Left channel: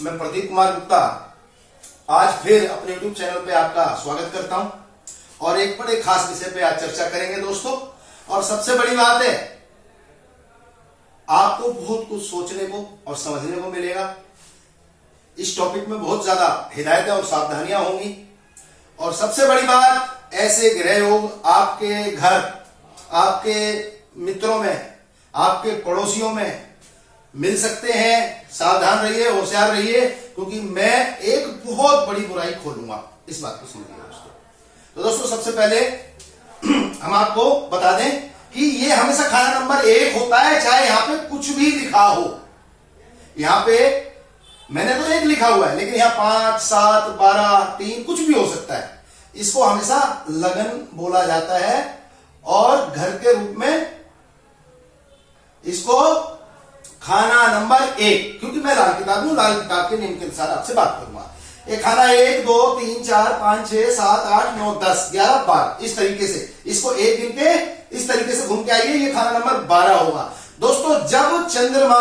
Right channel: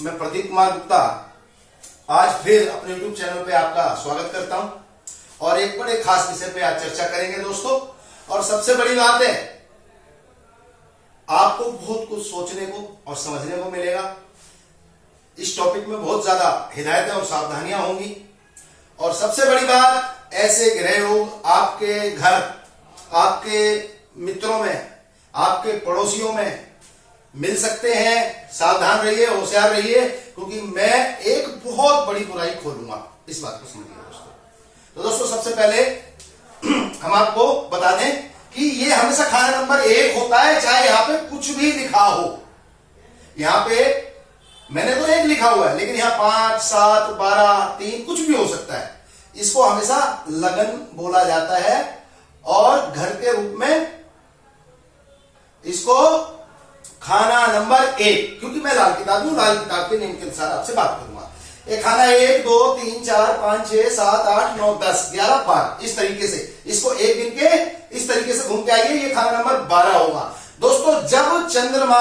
मैं प्रदीप कुमार गुप्ता आज फिर अपने YouTube चैनल पे आपका स्वागत करता हूं और एक बड़े खास विषय पे आज चर्चा करेंगे दोस्तों। और सबसे बड़ी बात है, आपको बहुत कुछ सोचने को और समझने को मिलेगा। इस टॉपिक में बहुत ज्यादा हिदायतें और सावधानियां होंगी। और सबसे बड़ी बात, ऐसे ग्रह योग आपके घर, आपके मित्रों में, आपके पड़ोसियों में मिल सकते हैं। सावधान रहिए, होशियार रहिए, क्योंकि मैं एक बहुत बड़ी बुराई खोलूंगा। इस बात को समझिए दोस्तों। तो दोस्तों सबसे पहले हम आपको बता दें कि ये हमेशा खाना नंबर 1 होता है, चाहे यहां पे कुछ भी लिखा हो। यहां पे मैंने तो 1 लिखा हुआ है, लेकिन यहां 5, 7, 12, 3 कुछ भी हो सकता है। इसको हमेशा लगन बोला जाता है और घर के रूप में इसको खाना नंबर 1, क्योंकि मैं लाल किताब हूं, लाल किताब के नियम के अनुसार आपसे बात करूंगा। एक खाना 1, 2, 3, 4, 5, 6, 7, 8, 9, 10, 11, 12 इस तरीके से इसको एक दिन के इस तरीके से घूम के आइए। ये खाना नंबर 12 होगा दोस्तों। जब चंद्रमा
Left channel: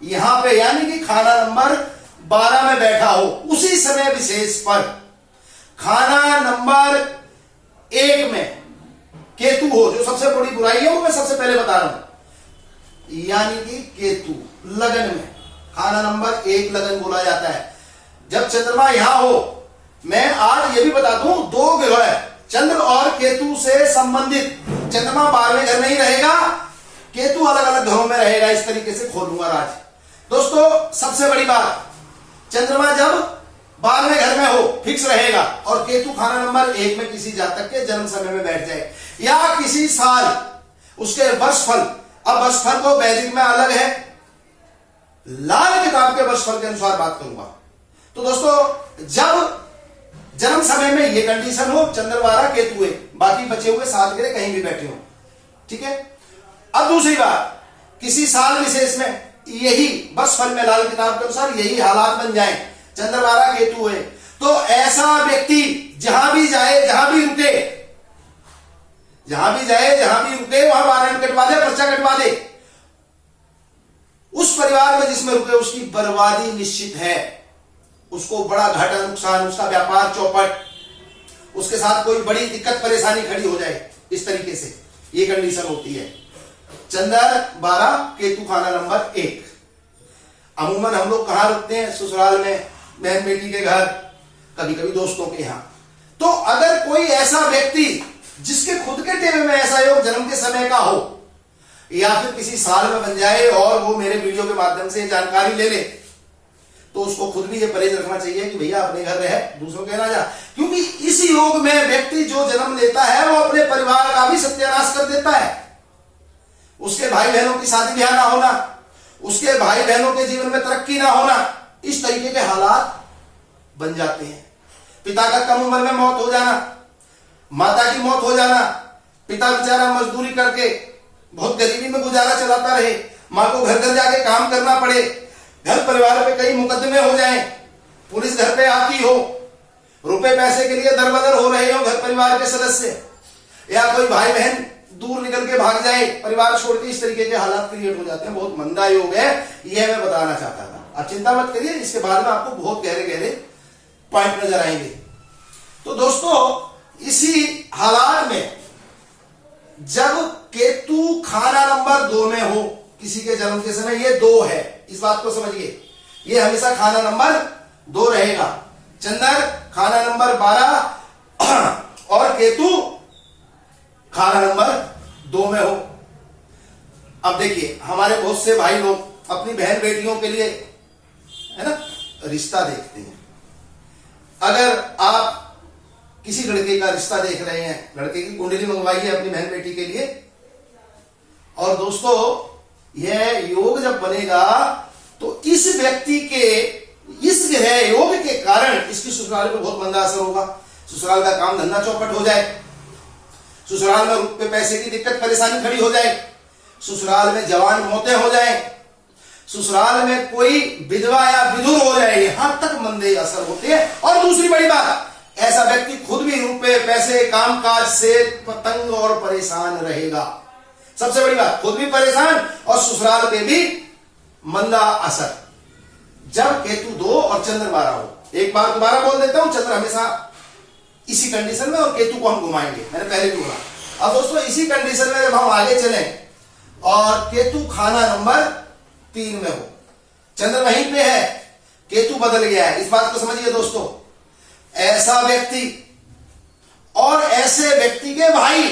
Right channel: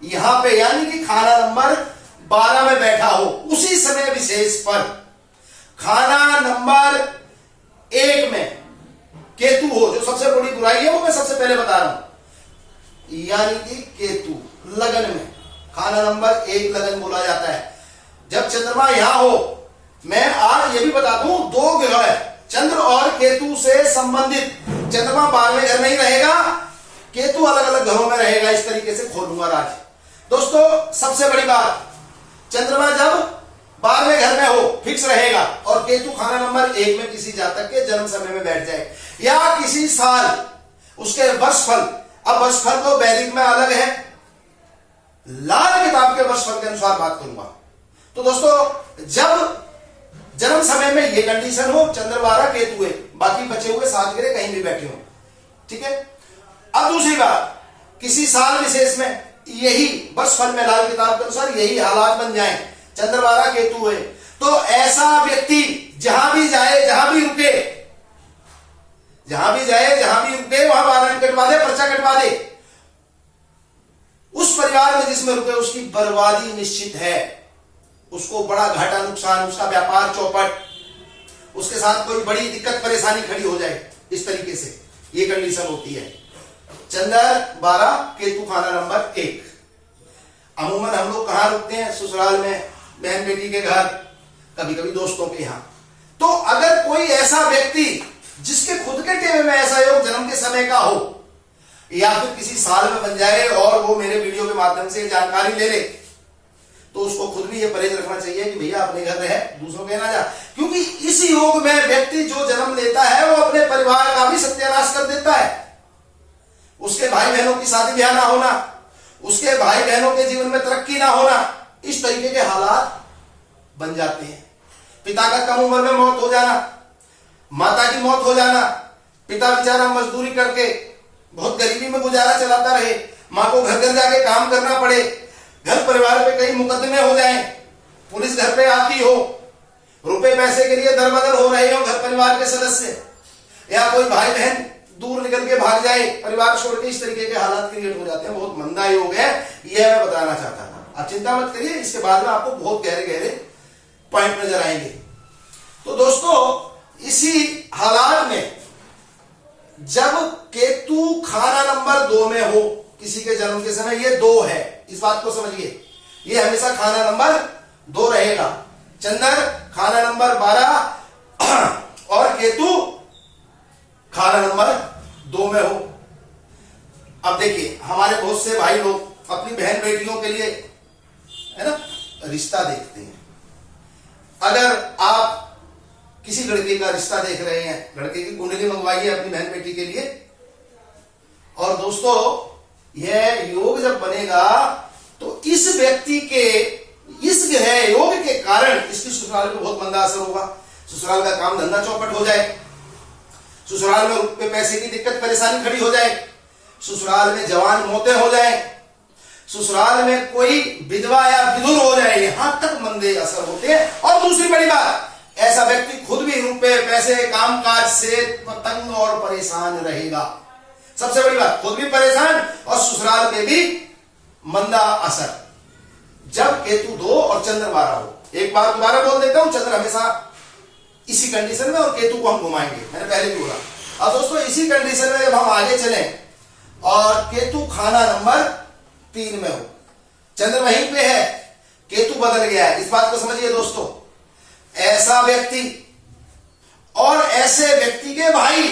यहां पे यानी कि खाना नंबर 12 में बैठा हो, उसी समय विशेष पर खाना नंबर 1 में केतु हो, जो सबसे बड़ी बुराई है वो मैं सबसे पहले बता रहा हूं, यानी कि केतु लगन में खाना नंबर 1 लगन बोला जाता है। जब चंद्रमा यहां हो, मैं आज ये भी बता दूं, 2 ग्रह चंद्र और केतु से संबंधित, चंद्रमा 12वें घर में ही रहेगा, केतु अलग अलग घरों में रहेगा। इस तरीके से खोलूंगा राज दोस्तों। सबसे बड़ी बात, चंद्रमा जब 12वें घर में हो फिक्स रहेगा और केतु खाना नंबर 1 में किसी जातक के जन्म समय में बैठ जाए या किसी साल उसके वर्षफल, अब वर्षफल तो वैदिक में अलग है, लाल किताब के वर्षफल के अनुसार बात करूंगा। तो दोस्तों जब जन्म समय में ये कंडीशन हो, चंद्र 12 केतु है, बाकी बचे हुए 7 ग्रह कहीं भी बैठे हो, ठीक है। अब दूसरी बात, किसी साल विशेष में यही वर्षफल में लाल किताब के अनुसार यही हालात बन जाए, चंद्र 12 केतु है, तो ऐसा व्यक्ति जहां भी जाए, जहां भी रुके, जहां भी जाए, जहां भी रुके, वहां वारंट कटवा दे, पर्चा कटवा दे। उस परिवार में जिसमें रुके उसकी बर्बादी निश्चित है, उसको बड़ा घाटा नुकसान, उसका व्यापार चौपट, उसके साथ कोई बड़ी दिक्कत परेशानी खड़ी हो जाए। इस तरीके से ये कंडीशन होती है। चंद्र 12 केतु खाना नंबर 1। अमूमन हम लोग कहां रुकते हैं? ससुराल में, बहन बेटी के घर, कभी कभी दोस्तों के यहां। तो अगर कोई ऐसा व्यक्ति जिसके खुद के टेबल में ऐसा योग जन्म के समय का हो या फिर किसी साल में बन जाए और वो मेरे वीडियो के माध्यम से जानकारी ले ले, तो उसको खुद भी ये परहेज रखना चाहिए कि भैया अपने घर रहे, दूसरों के ना जा। क्योंकि इस योग में व्यक्ति जो जन्म लेता है वो अपने परिवार का भी सत्यानाश कर देता है। उसके भाई बहनों की शादी ब्याह ना होना, उसके भाई बहनों के जीवन में तरक्की ना होना, इस तरीके के हालात बन जाते हैं। पिता का कम उम्र में मौत हो जाना, माता की मौत हो जाना, पिता बेचारा मजदूरी करके बहुत गरीबी में गुजारा चलाता रहे, मां को घर घर जाके काम करना पड़े, घर परिवार पे कई मुकदमे हो जाएं, पुलिस घर पे आती हो, रुपए पैसे के लिए दरबदर हो रहे हो घर परिवार के सदस्य, या कोई भाई बहन दूर निकल के भाग जाए, परिवार छोड़ के, इस तरीके के हालात क्रिएट हो जाते हैं। बहुत मंदा योग है, यह मैं बताना चाहता था। आप चिंता मत करिए, इसके बाद में आपको बहुत गहरे गहरे पॉइंट नजर आएंगे। तो दोस्तों इसी हालात में जब केतु खाना नंबर 2 में हो किसी के जन्म के समय, ये 2 है, इस बात को समझिए, ये हमेशा खाना नंबर 2 रहेगा। चंद्र खाना नंबर 12 और केतु खाना नंबर 2 में हो। अब देखिए, हमारे बहुत से भाई लोग अपनी बहन बेटियों के लिए, है ना, रिश्ता देखते हैं। अगर आप किसी लड़के का रिश्ता देख रहे हैं, लड़के की कुंडली मंगवाइए अपनी बहन बेटी के लिए। और दोस्तों यह योग जब बनेगा तो इस व्यक्ति के इस ग्रह योग के कारण इसकी ससुराल पे बहुत मंदा असर होगा। ससुराल का काम धंधा चौपट हो जाए, ससुराल में रुपए पैसे की दिक्कत परेशानी खड़ी हो जाए, ससुराल में जवान मौतें हो जाए, ससुराल में कोई विधवा या विधुर हो जाए, यहां तक मंदे असर होते हैं। और दूसरी बड़ी बात, ऐसा व्यक्ति खुद भी रुपए पैसे कामकाज से तंग और परेशान रहेगा। सबसे बड़ी बात, खुद भी परेशान और ससुराल में भी मंदा असर। जब केतु 2 और चंद्र 12 हो। एक बार दोबारा बोल देता हूं, चंद्र हमेशा इसी कंडीशन में और केतु को हम घुमाएंगे, मैंने पहले भी बोला। अब दोस्तों इसी कंडीशन में जब हम आगे चले और केतु खाना नंबर 3 में हो, चंद्र वहीं पे है, केतु बदल गया है, इस बात को समझिए दोस्तों। ऐसा व्यक्ति और ऐसे व्यक्ति के भाई,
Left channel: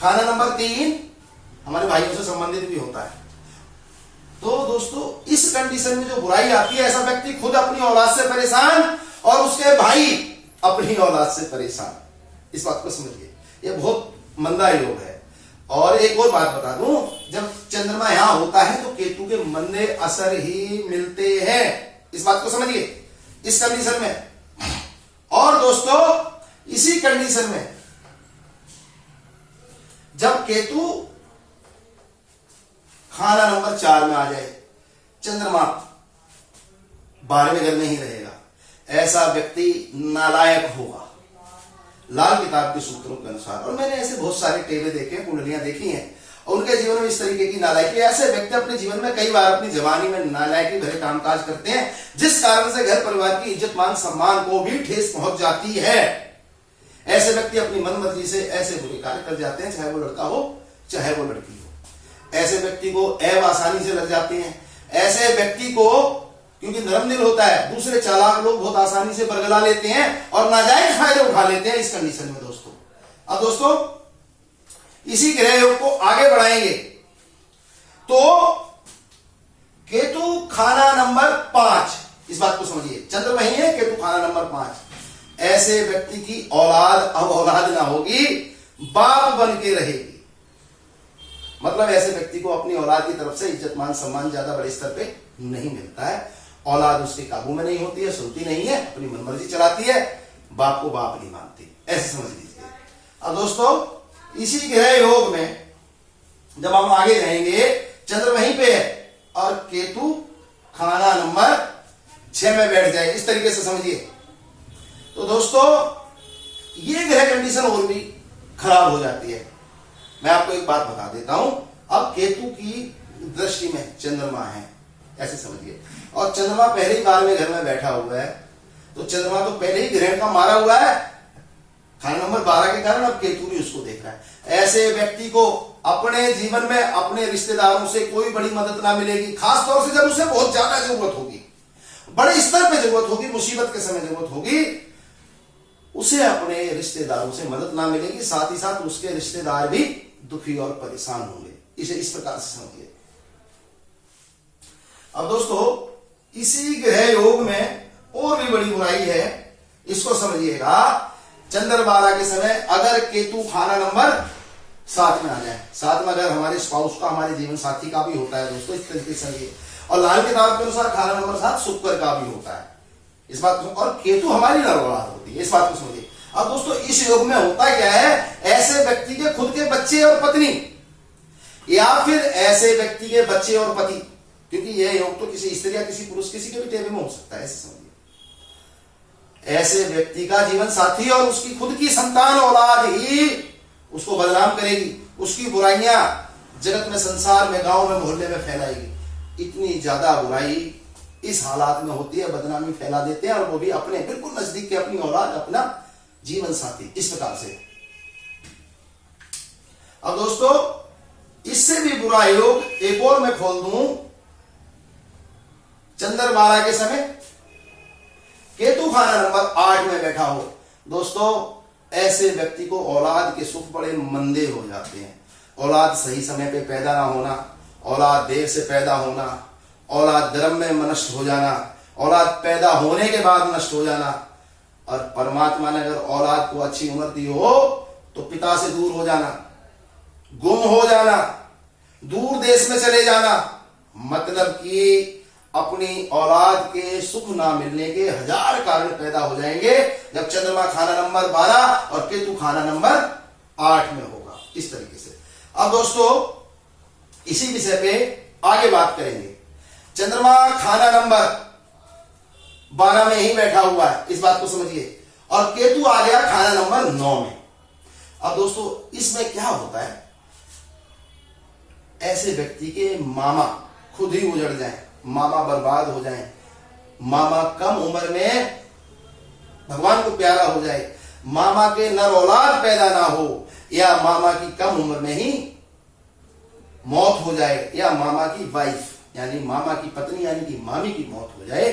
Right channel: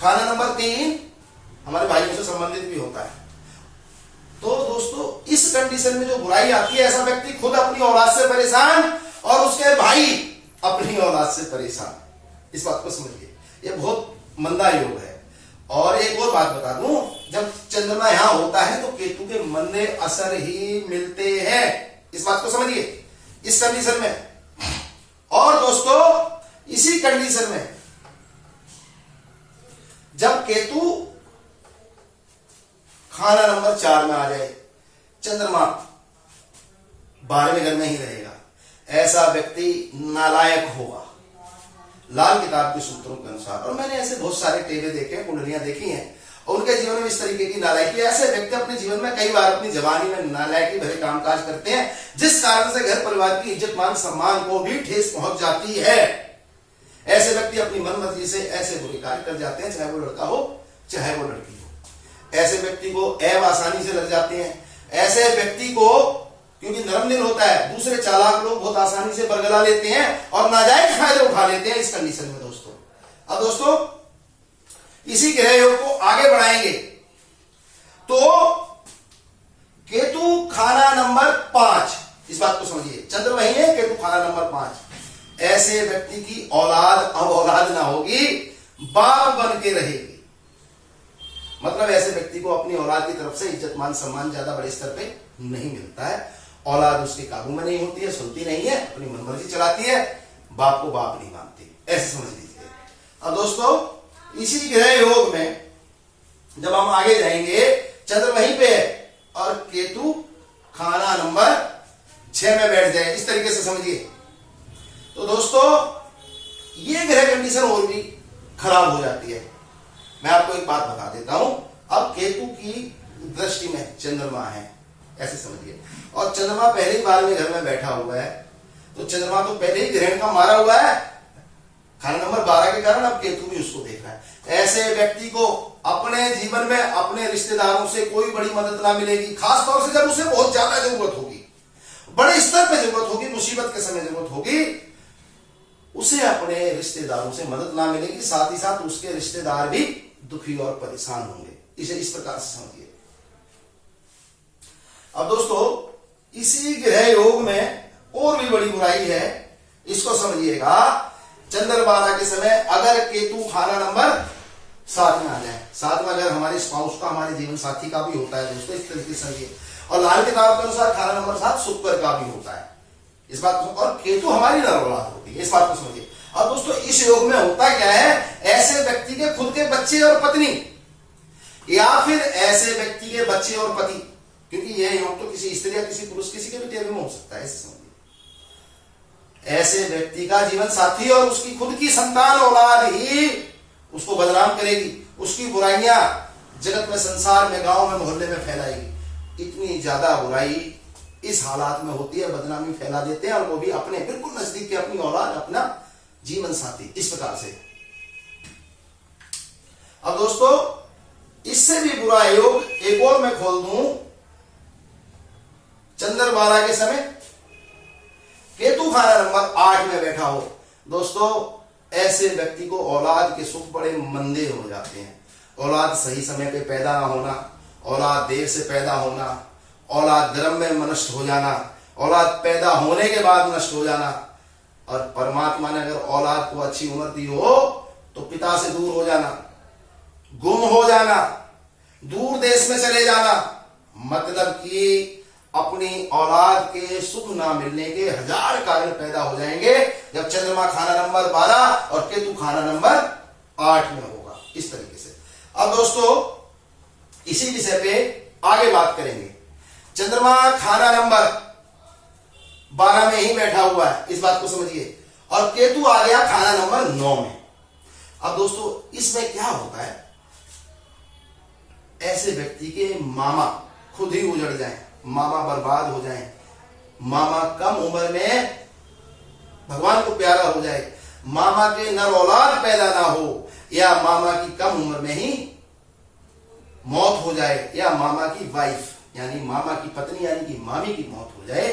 खाना नंबर 3 हमारे भाइयों से संबंधित भी होता है। तो दोस्तों इस कंडीशन में जो बुराई आती है, ऐसा व्यक्ति खुद अपनी औलाद से परेशान और उसके भाई अपनी औलाद से परेशान, इस बात को समझिए, ये बहुत मंदा योग है। और एक और बात बता दूं, जब चंद्रमा यहां होता है तो केतु के मंदे असर ही मिलते हैं, इस बात को समझिए, इस कंडीशन में। और दोस्तों इसी कंडीशन में जब केतु खाना नंबर 4 में आ जाए, चंद्रमा 12वें घर में ही रहेगा, ऐसा व्यक्ति नालायक होगा लाल किताब के सूत्रों के अनुसार। और मैंने ऐसे बहुत सारे टेबे देखे हैं, कुंडलियां देखी हैं, और उनके जीवन में इस तरीके की नालायकी, ऐसे व्यक्ति अपने जीवन में कई बार अपनी जवानी में नालायकी भरे कामकाज करते हैं, जिस कारण से घर परिवार की इज्जत मान सम्मान को भी ठेस पहुंच जाती है। ऐसे व्यक्ति अपनी मनमर्जी से ऐसे बुरे कार्य कर जाते हैं, चाहे वो लड़का हो चाहे वो लड़की हो। ऐसे व्यक्ति को ऐब आसानी से लग जाते हैं। ऐसे व्यक्ति को, क्योंकि नरम दिल होता है, दूसरे चालाक लोग बहुत आसानी से बरगला लेते हैं और नाजायज फायदे उठा लेते हैं इस कंडीशन में दोस्तों। अब दोस्तों इसी ग्रह योग को आगे बढ़ाएंगे तो केतु खाना नंबर 5, इस बात को समझिए, चंद्र वही है, केतु खाना नंबर 5, ऐसे व्यक्ति की औलाद अब औलाद ना होगी, बाप बन के रहेगी। मतलब ऐसे व्यक्ति को अपनी औलाद की तरफ से इज्जत मान सम्मान ज्यादा बड़े स्तर पे नहीं मिलता है, औलाद उसके काबू में नहीं होती है, सुनती नहीं है, अपनी मनमर्जी चलाती है, बाप को बाप नहीं मानती, ऐसे समझ लीजिए। अब दोस्तों इसी ग्रह योग में जब हम आगे जाएंगे, चंद्र वहीं पे है और केतु खाना नंबर 6 में बैठ जाए, इस तरीके से समझिए। तो दोस्तों ये ग्रह कंडीशन और भी खराब हो जाती है। मैं आपको एक बात बता देता हूं, अब केतु की दृष्टि में चंद्रमा है, ऐसे समझिए, और चंद्रमा पहले ही 12वें घर में बैठा हुआ है, तो चंद्रमा तो पहले ही ग्रहण का मारा हुआ है खाना नंबर 12 के कारण, अब केतु भी उसको देख रहा है। ऐसे व्यक्ति को अपने जीवन में अपने रिश्तेदारों से कोई बड़ी मदद ना मिलेगी, खासतौर से जब उसे बहुत ज्यादा जरूरत होगी, बड़े स्तर पर जरूरत होगी, मुसीबत के समय जरूरत होगी, उसे अपने रिश्तेदारों से मदद ना मिलेगी, साथ ही साथ उसके रिश्तेदार भी दुखी और परेशान होंगे। इसे इस प्रकार से समझिए। अब दोस्तों इसी ग्रह योग में और भी बड़ी बुराई है, इसको समझिएगा। चंद्र 12 के समय अगर केतु खाना नंबर 7 में आ जाए, 7 में अगर हमारे स्पाउस का, हमारे जीवन साथी का भी होता है दोस्तों, इस तरीके से समझिए। और लाल किताब के अनुसार खाना नंबर 7 शुक्र का भी होता है, इस बात को, और केतु हमारी नर औलाद होती है, इस बात को समझिए। अब दोस्तों इस योग में होता क्या है, ऐसे व्यक्ति के खुद के बच्चे और पत्नी, या फिर ऐसे व्यक्ति के बच्चे और पति, क्योंकि यह योग तो किसी स्त्री या किसी पुरुष, किसी के भी टेबल में हो सकता है, ऐसे समझिए। ऐसे व्यक्ति का जीवन साथी और उसकी खुद की संतान औलाद ही उसको बदनाम करेगी, उसकी बुराइयां जगत में, संसार में, गांव में, मोहल्ले में फैलाएगी। इतनी ज्यादा बुराई इस हालात में होती है, बदनामी फैला देते हैं, और वो भी अपने बिल्कुल नजदीक के, अपनी औलाद, अपना जीवन साथी, इस प्रकार से। अब दोस्तों इससे भी बुरा योग एक और मैं खोल दूं, चंद्र 12 के समय केतु खाना नंबर 8 में बैठा हो। दोस्तों ऐसे व्यक्ति को औलाद के सुख बड़े मंदे हो जाते हैं। औलाद सही समय पे पैदा ना होना, औलाद देर से पैदा होना, औलाद धर्म में नष्ट हो जाना, औलाद पैदा होने के बाद नष्ट हो जाना, और परमात्मा ने अगर औलाद को अच्छी उम्र दी हो तो पिता से दूर हो जाना, गुम हो जाना, दूर देश में चले जाना, मतलब कि अपनी औलाद के सुख ना मिलने के 1000 कारण पैदा हो जाएंगे जब चंद्रमा खाना नंबर 12 और केतु खाना नंबर 8 में होगा, इस तरीके से। अब दोस्तों इसी विषय पे आगे बात करेंगे। चंद्रमा खाना नंबर 12 में ही बैठा हुआ है, इस बात को समझिए, और केतु आ गया खाना नंबर 9 में। अब दोस्तों इसमें क्या होता है, ऐसे व्यक्ति के मामा खुद ही उजड़ जाएं, मामा बर्बाद हो जाएं, मामा कम उम्र में भगवान को प्यारा हो जाए, मामा के नर औलाद पैदा ना हो, या मामा की कम उम्र में ही मौत हो जाए, या मामा की वाइफ यानी मामा की पत्नी यानी कि मामी की मौत हो जाए।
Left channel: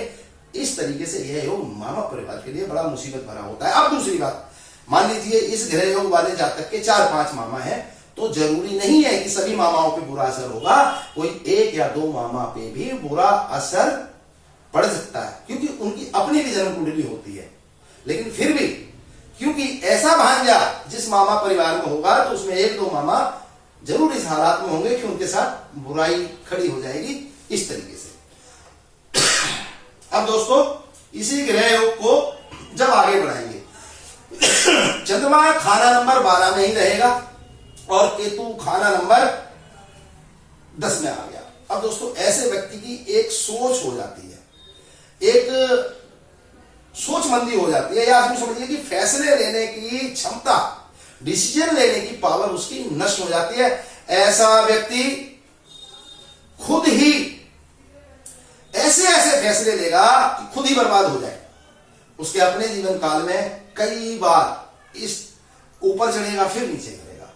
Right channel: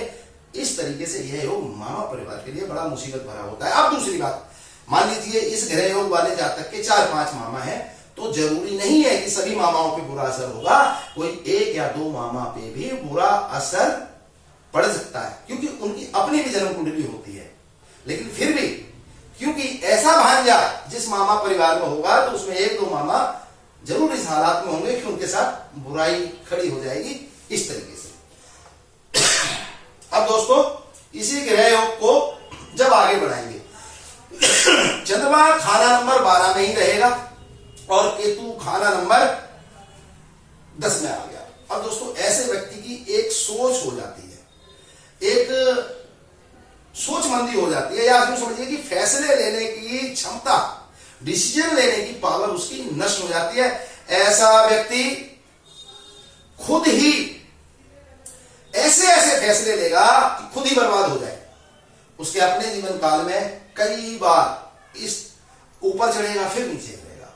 इस तरीके से यह योग मामा परिवार के लिए बड़ा मुसीबत भरा होता है। अब दूसरी बात, मान लीजिए इस ग्रह योग वाले जातक के 4-5 मामा हैं, तो जरूरी नहीं है कि सभी मामाओं पे बुरा असर होगा, कोई 1 या 2 मामा पे भी बुरा असर पड़ सकता है, क्योंकि उनकी अपनी भी जन्म कुंडली होती है। लेकिन फिर भी क्योंकि ऐसा भांजा जिस मामा परिवार में होगा, तो उसमें 1-2 मामा जरूर इस हालात में होंगे कि उनके साथ बुराई खड़ी हो जाएगी, इस तरीके से। अब दोस्तों इसी ग्रह योग को जब आगे बढ़ाएंगे, चंद्रमा खाना नंबर 12 में ही रहेगा और केतु खाना नंबर 10 में आ गया। अब दोस्तों ऐसे व्यक्ति की एक सोच हो जाती है, एक सोचमंदी हो जाती है, या आप समझिए कि फैसले लेने की क्षमता, डिसीजन लेने की पावर उसकी नष्ट हो जाती है। ऐसा व्यक्ति खुद ही ऐसे ऐसे फैसले लेगा कि खुद ही बर्बाद हो जाए। उसके अपने जीवन काल में कई बार इस ऊपर चढ़ेगा फिर नीचे गिरेगा,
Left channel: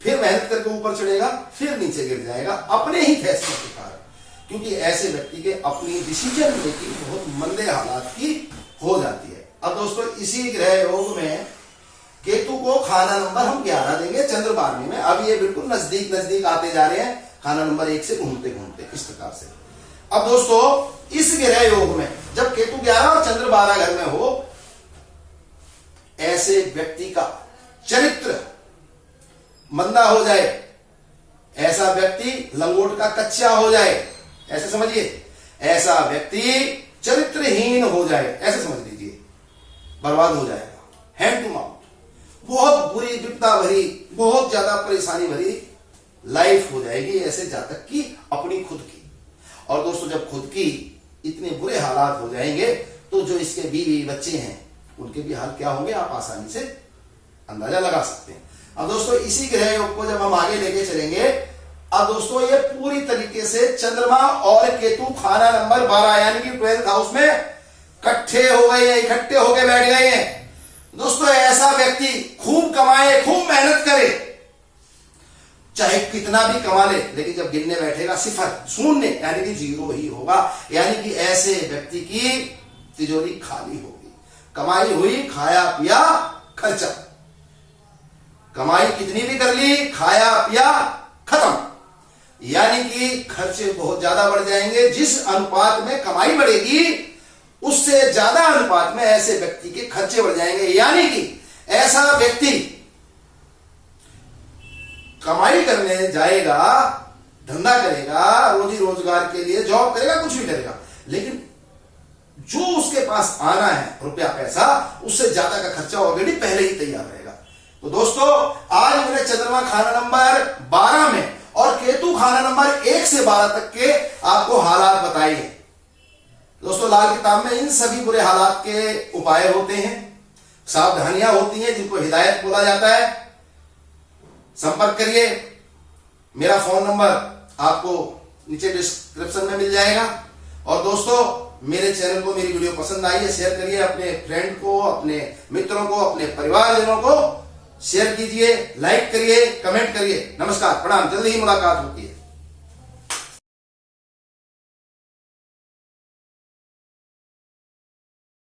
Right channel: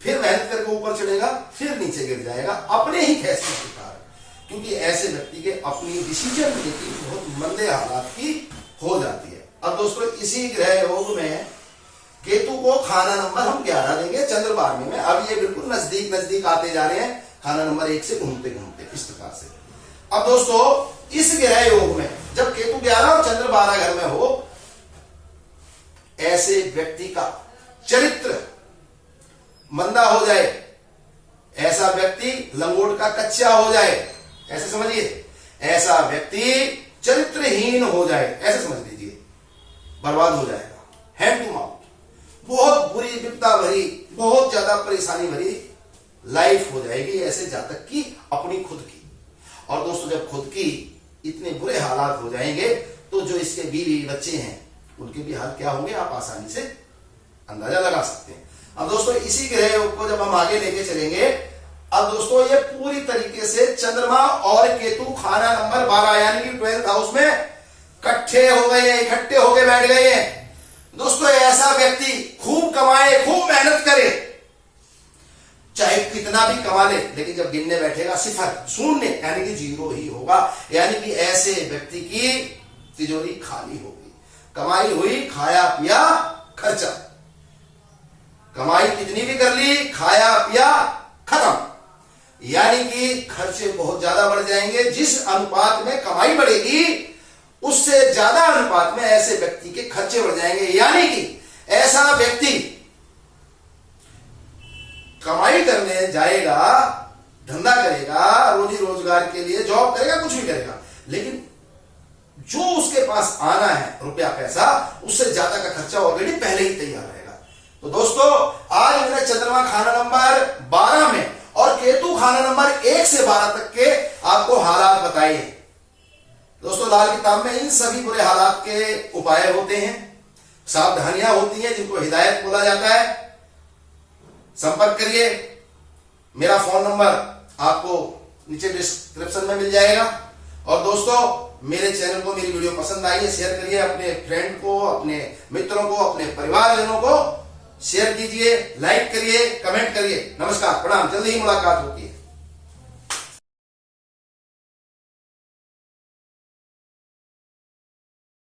फिर मेहनत करके ऊपर चढ़ेगा फिर नीचे गिर जाएगा, अपने ही फैसले के कारण। क्योंकि ऐसे व्यक्ति के अपनी डिसीजन मेकिंग बहुत मंदे हालात की हो जाती है। अब दोस्तों इसी ग्रह योग में केतु को खाना नंबर हम 11 देंगे चंद्र 12 में। अब ये बिल्कुल नजदीक नजदीक आते जा रहे हैं, खाना नंबर 1 से घूमते घूमते इस प्रकार से। अब दोस्तों इस ग्रह योग में जब केतु 11 और चंद्र 12 घर में हो, ऐसे व्यक्ति का चरित्र मंदा हो जाए, ऐसा व्यक्ति लंगोट का कच्चा हो जाए, ऐसे समझिए, ऐसा व्यक्ति चरित्रहीन हो जाए, ऐसे समझ लीजिए, बर्बाद हो जाएगा, हैंड टू माउथ, बहुत बुरी विपदा भरी, बहुत ज्यादा परेशानी भरी लाइफ हो जाएगी ऐसे जातक की, अपनी खुद की। और दोस्तों जब खुद की इतने बुरे हालात हो जाएंगे, तो जो इसके बीवी बच्चे हैं उनके भी हाल क्या होंगे आप आसानी से अंदाजा लगा सकते हैं। अब दोस्तों इसी ग्रह योग को जब हम आगे लेके चलेंगे, अब दोस्तों ये पूरी तरीके से चंद्रमा और केतु खाना नंबर 12 यानी कि 12th हाउस में इकट्ठे हो गए हैं, इकट्ठे होके बैठ गए हैं। दोस्तों ऐसा व्यक्ति खूब कमाए, खूब मेहनत करे, चाहे कितना भी कमा ले, लेकिन जब गिनने बैठेगा सिफर, शून्य यानी कि 0 ही होगा। यानी कि ऐसे व्यक्ति की तिजोरी खाली होगी, कमाई हुई, खाया पिया खर्चा, कमाई कितनी भी कर ली, खाया पिया खत्म। यानी कि खर्चे बहुत ज्यादा बढ़ जाएंगे। जिस अनुपात में कमाई बढ़ेगी उससे ज्यादा अनुपात में ऐसे व्यक्ति के खर्चे बढ़ जाएंगे। यानी कि ऐसा व्यक्ति कमाई करने जाएगा, धंधा करेगा, रोजी रोजगार के लिए जॉब करेगा, कुछ भी करेगा, लेकिन जो उसके पास आना है रुपया पैसा, उससे ज्यादा का खर्चा ऑलरेडी पहले ही तैयार रहेगा। तो दोस्तों आज मैंने चंद्रमा खाना नंबर 12 में और केतु खाना नंबर 1 से 12 तक के आपको हालात बताए। दोस्तों लाल किताब में इन सभी बुरे हालात के उपाय होते हैं, सावधानियां होती हैं, जिनको हिदायत बोला जाता है। संपर्क करिए, मेरा फोन नंबर आपको नीचे डिस्क्रिप्शन में मिल जाएगा। और दोस्तों मेरे चैनल को, मेरी वीडियो पसंद आई है, शेयर करिए, अपने फ्रेंड को, अपने मित्रों को, अपने परिवारजनों को शेयर कीजिए, लाइक करिए, कमेंट करिए। नमस्कार, प्रणाम, जल्दी ही मुलाकात होती है।